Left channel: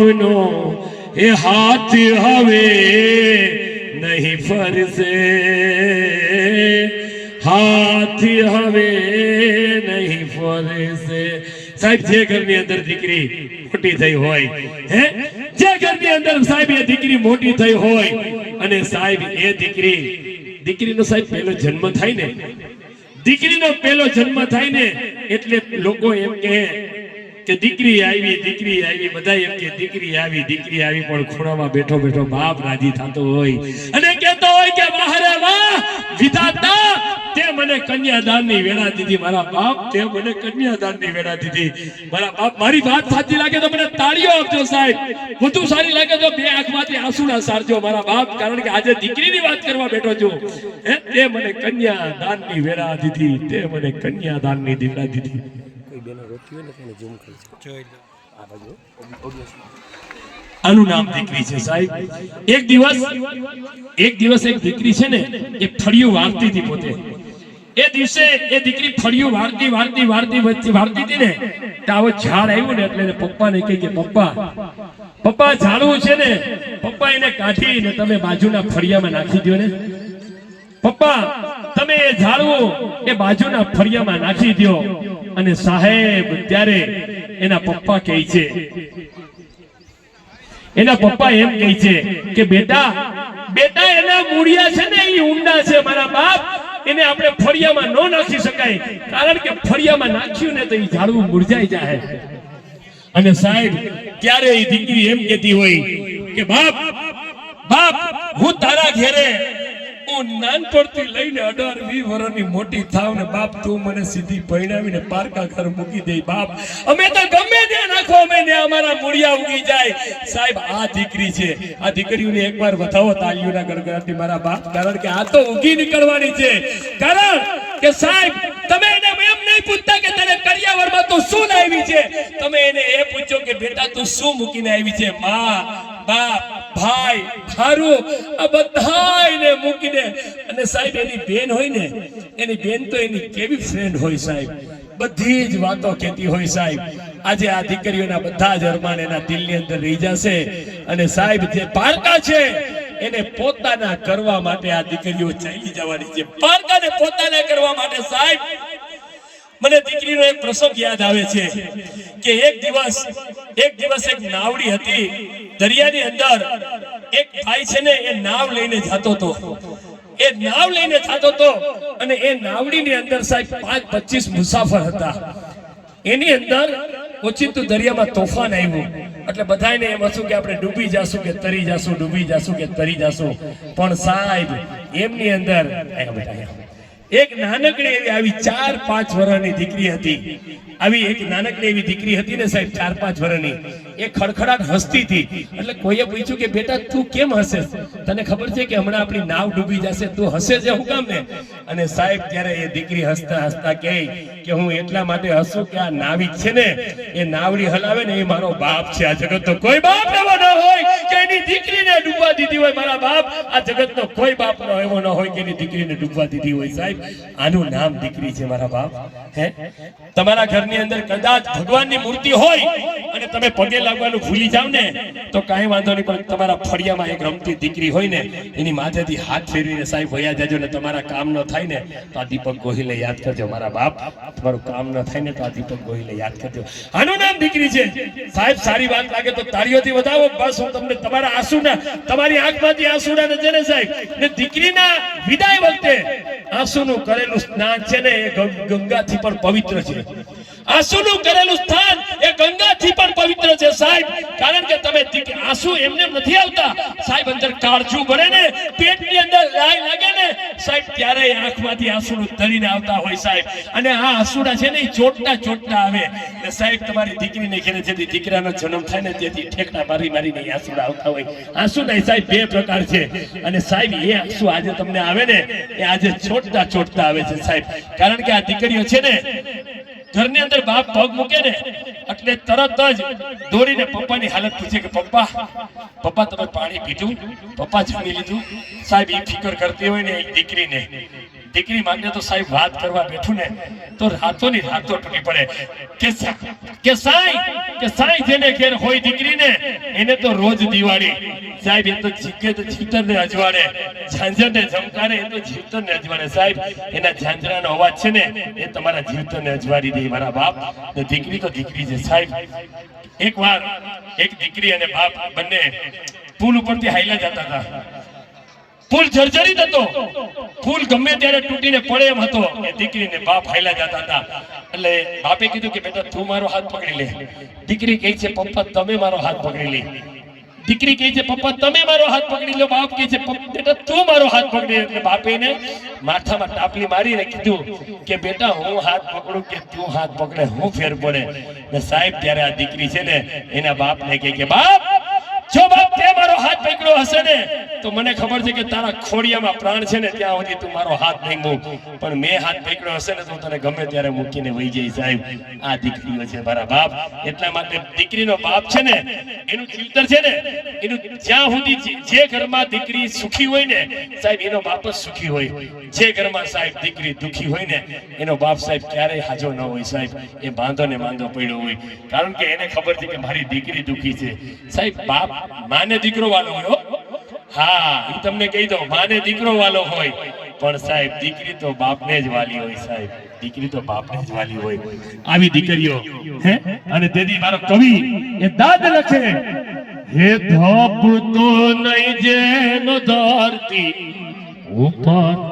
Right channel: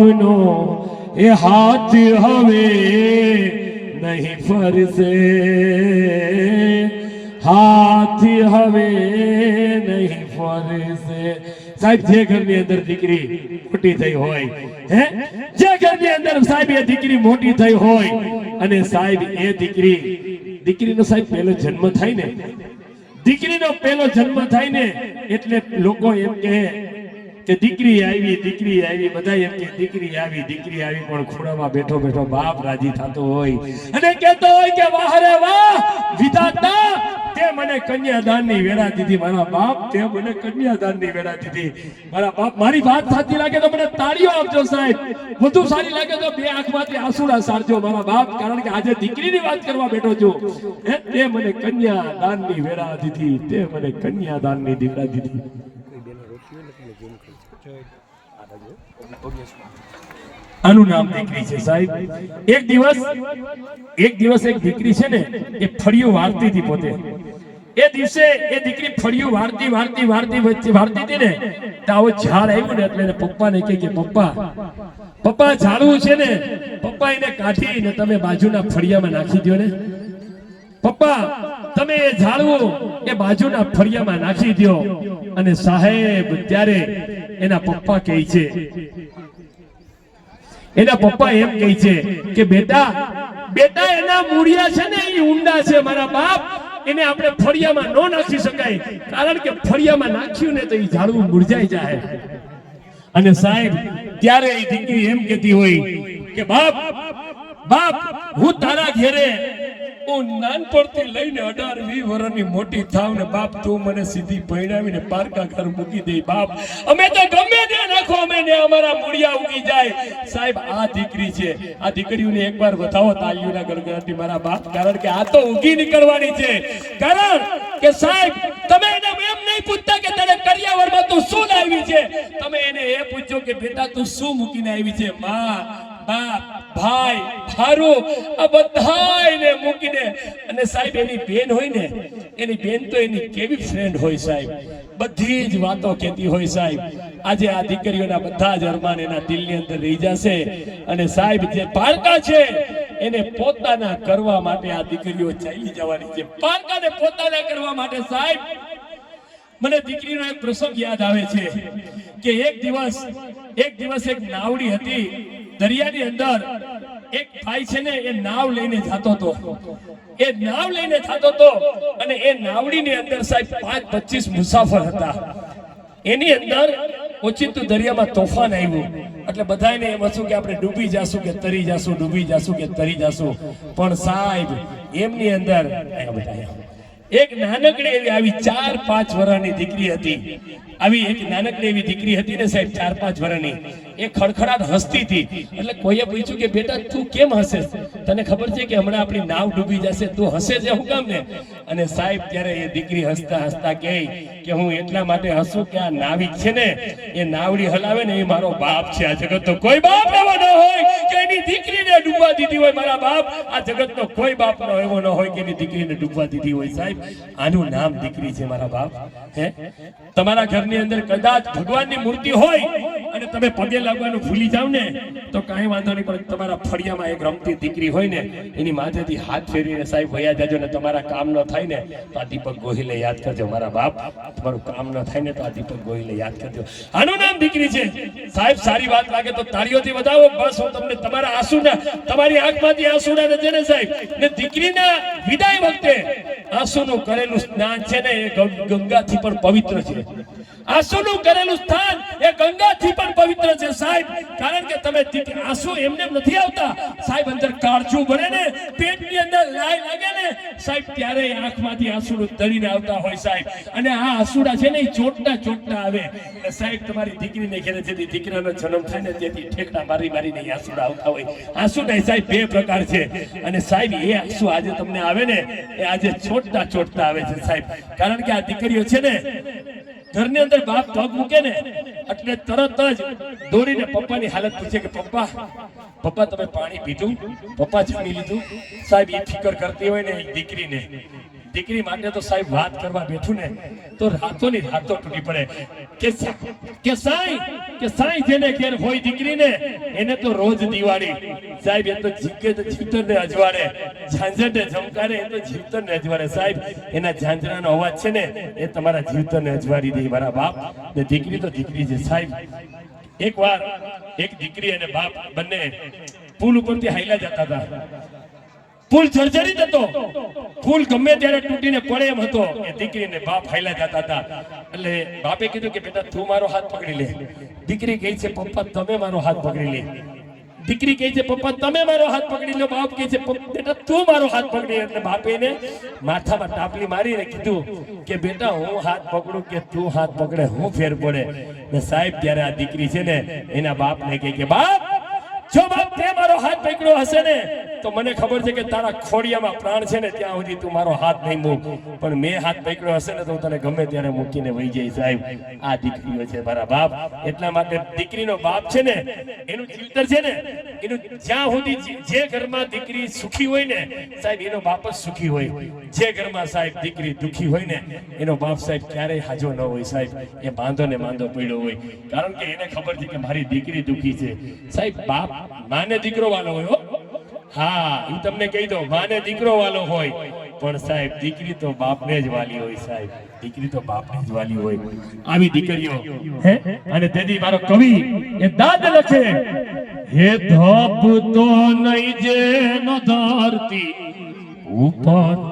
બાપનો એ હાથ હવે નહીં ફરશે હાથ હવે નહીં ફરશે સાહેબ, જે ઘરની અંદર દીકરી મોટી થઈ હોય, હે? જે ઘરની અંદર સાહેબ, એ દીકરી મોટી થઈ હોય, અને સાહેબ, એ દીકરી, દીકરીનો સાહેબ પહેલો જન્મ થાય ને, દીકરીનો પહેલો જન્મ થાય ને, એટલે લોકો એમ કહે કે દીકરી આવી દીકરી આવી બધા એમ કે દીકરી આવી દીકરી આવી, પણ ખૂણામાં બેઠો બેઠો બાપ રાજી થતો હોય. અને કહેતો હોય કે, વાહ વાહ, વિધાતા, તે મને કન્યાદાનની વેળા દીધી, મારા બાપ, તે મને કન્યાદાનની વેળા દીધી. મારા બાપ, મારી વાત સાચી લાગે તો મને તાળીઓ આપજો સાહેબ. વધુ સારી લાગે તો બે આંખમાંથી આંસુડા સારજો મારા બાપ, કારણ કે આજે દીકરીની વાત કરવા બેઠો છું. તે મને કન્યાદાનની વેળા દીધી, તે મને કન્યાદાનની દીવડા દીધી. આનું નામ દીકરી છે સાહેબ. એક દિવસ એક દિવસ એક દીકરી છે ને એ ફળિયું વારતી હતી પોતે. એ દિવસે એ દીકરી ફળિયું વારતી વારતી વારતી વચ્ચે વારતી હતી ને આવો ઝાડ આવ્યું ને એટલે પપ્પા પપ્પાને કહે કે પપ્પા પપ્પા ઝાડવું છે ને પપ્પા એને કાઢી ને તમે બાજુના ફળિયામાં નાખી દો ને. પપ્પા તમે એ ઝાડવું એ બાજુના ફળિયામાં નાખી દો અને સાહેબ, ત્યારે એના પપ્પા કહે છે. એના પપ્પા એમ કહે છે કે, બેટા બેટા, એના મૂળિયા છે ને એ ઊંડા છે, મારા બાપ. એને આપણે ફળિયામાં ન નાખી શકાય. કારણ કે ફળિયામાં નાખ્યું ને તો એ ઝાડવું મુરઝાઈ જાય અને સાહેબ, ત્યારે એ દીકરી એમ કહેતી હોય કે બાપ બાપ, હું તારા ઘેરે હું નાનપણથી લઈને અઢાર વી વર્ષની મોટી થાવ ને બાપ તું મને સીધી પરણાવીને પારકા ઘર મૂકી દે બાપ. અમે તો ગમે તે નાખો, અમે ને અમારા પુડિયા ઉગી જાય. સાહેબ, આ દીકરી છે. આ દીકરીઓને એકવાર બતાવો તાલીઓના ગણગણાટથી મારા બાપ. કારણ કે આ તો ઉગી નીકળવાની છે. કારણ કે સાહેબ, તમે એને એમ નહીં પૂછતા કે તને કરિયાવરમાં તું શું લાવી છે? તમે એને એ પૂછો કે, બેટા, તું શું મૂકીને આવી છે? માં બાપ, ભાઈ, હારું. આ બધાયને મૂકીને. અને સાહેબ, એની બેન હોય ને, એની બેન તો એની કેવી ફ્રેન્ડ હોય સાહેબ? બધી જ વાતો કહેતી હોય સાહેબ. આજે આ દીકરીઓના બધા જ અરમાન એના દિલની અંદર રહી જશે. અને સાહેબ, જે પારકા છે, એને પોતાના કરવા માટે આ દીકરીઓ ચાલી જવાની છે. પારકાને પોતાના કરવા માટે સાહેબ, મને દીકરીનો એક પ્રસંગ યાદ આવે છે કે એક દિવસ એક દિવસ એક નાવડી હતી. દરિયાની અંદર એક ભાઈ છે ને, એ નાવ લઈને જતો હતો. એ નાવ લઈને જતો હતો અને એ નાવડીની અંદર સાહેબ પાંચ પચીસ મુસાફર હતા. એની અંદર ઓચિંતું દરિયામાં તોફાન આવ્યું. એટલે બધાને એમ હતું કે આપણે ડૂબી જાશું કે તરી જાશું, ડૂબી જાશું કે તરી જાશું. પણ સાહેબ, એમની અંદર. એક નાનકડી એવી આવી ચાર, પાંચ વર્ષની દીકરી હતી. આવી એક નાનકડી એવી દીકરી હતી ને સાહેબ, ચાર, પાંચ વર્ષની એ ખડખડાટ હસતી હતી. એટલે કોઈએ પૂછ્યું કે, બેટા, તું કેમ હસે? તને ખબર છે કે હમણાં આપણી નાવ ડૂબી જશે. તું હસે છે હું કામ ને અને સાહેબ, ત્યારે એ દીકરી હસતા હસતા કહે કે, હું એટલા માટે હસું કે આ નાવિક છે ને, એ નાવડી હલાવે ને એ મારો બાપ છે આ જગતનો કોઈ બાપ એવો ના હોય. હોય મારા બાપ, આ જગતનો કોઈ બાપ એવો ન હોય કે એની દીકરીને ડૂબવા દીધી હોય સાહેબ. આનું નામ દીકરી છે મારા બાપ. તમારા ઘરની અંદર કદાચ ભગવાનની મૂર્તિ હોય અને તમે પગે લાગવાનું ભૂલી જાવ ને, તો કાંઈ વાંધો નહીં, પણ તમારા ફળિયામાં એક રમતી દીકરી હોય ને, એની માથેથી હાથ ફેરવીને સાહેબ વયા જાજો ને તમારા કામ ન થાય ને, તો આ દીપક ગોહિલે યાદ કરજો. મારા બાપ, તમારું કામ ન થાય ને, તો આ દીપક ગોહિલે યાદ કરજો. આનું નામ દીકરી છે. સાહેબ, સારી વાત લાગે તો તાળીઓથી વધાવો, બસ હું તમને તમારા આંસુના, તમારી આંખમાંથી આંસુના ને સાહેબ, ને દીકરીના વિદાય વખતે આંસુનું કરેલું સ્નાન છે ને એ ગંગાથી પણ પવિત્ર છે. આંસુનું કરેલું સ્થાન એ ગંગાથી પણ પવિત્ર છે સાહેબ. કારણ કે તમે આંસુ એમને નથી આવતા. સાહેબ, અંદર કાળજું ભરે ને, પેટની અંદર લાય લાગે ને, સાહેબ, ત્યારે આંખમાંથી આંસુ તરીને આવતા હોય સાહેબ. અને આ આંસુડા છે ને ચોટતા ચોટતા આવે. એટલે સાહેબ, તમારી દીકરીને ઘેરે જેથી દીકરાનો જન્મ થાય ને, તેથી ઠેકડા મારી મારીને આંસુડા આવતા હોય. આંસુ નહીં સાહેબ, બે પ્રકાર છે. અને સાહેબ, એ આંસુ આજે તમને આવે ને, એ આજે ચોટતા ચોટતા આવે છે સાહેબ. કારણ કે આ દીકરીઓ છે ને ઘરની અંદર બાપ પગ મૂકે ને, એટલે તરત જ દોડીને પપ્પાની હાલત પૂછે કે, પપ્પા પપ્પા, તમે પાણી પીધું? પપ્પા જમી લીધું? સાહેબ એ ફિકર કરતી હોય ને દીકરીને. દીકરી માટે તો સાહેબ વાત કરવા બેઠું ને, તો રાતોની રાતો તૂટી પડે. કે કે સાઈ કે સાઈ જેને ઘેર હોય દીકરીને, એને તો રોજ દિવાળી. સાહેબ એ તો જીકે તો જીવતરને અજવાળે. ઝાંઝરને ઝમકારે, એ તો જીવતરને અજવાળે. સાહેબ, એના ઝાંઝરાનો અવાજ છે ને, એ તમારા જીવતરને અજવાળી દે, મારા બાપ. ને દીકરી તો દીકરી છે, સાહેબ. એકવાર એક દીકરી અને બાપ બંને પુલ ઉપરથી હાઈલા જતા હતા. પુલ જર્જરિત હતો. પુલ ગમે ત્યારે તૂટીને પડે એમ હતો. એ દીકરીને બાપ હાઈલા જતા હતા. એટલે બાપે કીધું કે, બેટા, તું મારો હાથ પકડી લે. દીકરી કહે છે, પપ્પા, તમે મારો હાથ પકડી લે. દીકરી કહે છે, પપ્પા, તમે મારો હાથ પકડી લો, બાપ કહે છે બેટા, તું મારો હાથ પકડી લે." એટલે બાપે એને માથામાં ટાપી મારીને કીધું કે, બેટા, હું હાથ પકડું કે તું હાથ પકડે, હું ફેર પડે ને સાહેબ ત્યારે આ દીકરી છે ને એના બાપને કહે કે, બાપ, જો બાપ તે મારો હાથ પકડ્યો હશે ને તો મને ખબર છે કે તારા ખોડિયામાં પ્રાણ છે ને, ત્યાં સુધી તું મારો હાથ નહીં મૂક. પણ મેં હાથ પકડ્યો હશે ને, તો તને ગમે ત્યારે મૂકીને વહી જઈશ, સાહેબ. આ દીકરીઓ છે મારા બાપ. એટલા માટે દીકરીનો બાપ છે ને, એનું ચિંતન છે ને, એનું જ્યાં સુધી જે- ઘરમાં દીકરી સુખી હોય ને, સાહેબ, એનો બાપ જ સુખી હોય. જે ઘરમાં સાહેબ દીકરી દુખી હોય ને, એનો બાપ સાહેબ ક્યારેય હાજો ન હોય, સાહેબ. એ બાંધો ને બાંધો પડ્યો હોય. કારણ કે એને ખબર છે કે મારી દીકરી દુખી છે. સાહેબ, બાપ માને દીકરો વાલો હોય હો. હા તમને કહી દઉં, માને દીકરો વાલો હોય, પણ સાહેબ, દીકરી તો બાપને જ વાલી હોય, સાહેબ દીકરી તો બાપને જ વાલી હોય આવી દીકરીઓ, હે અને તેથી મારો કવિ, એ દાદ લખે, હે ધોપ તો નહીં ન ધરતી ઉપર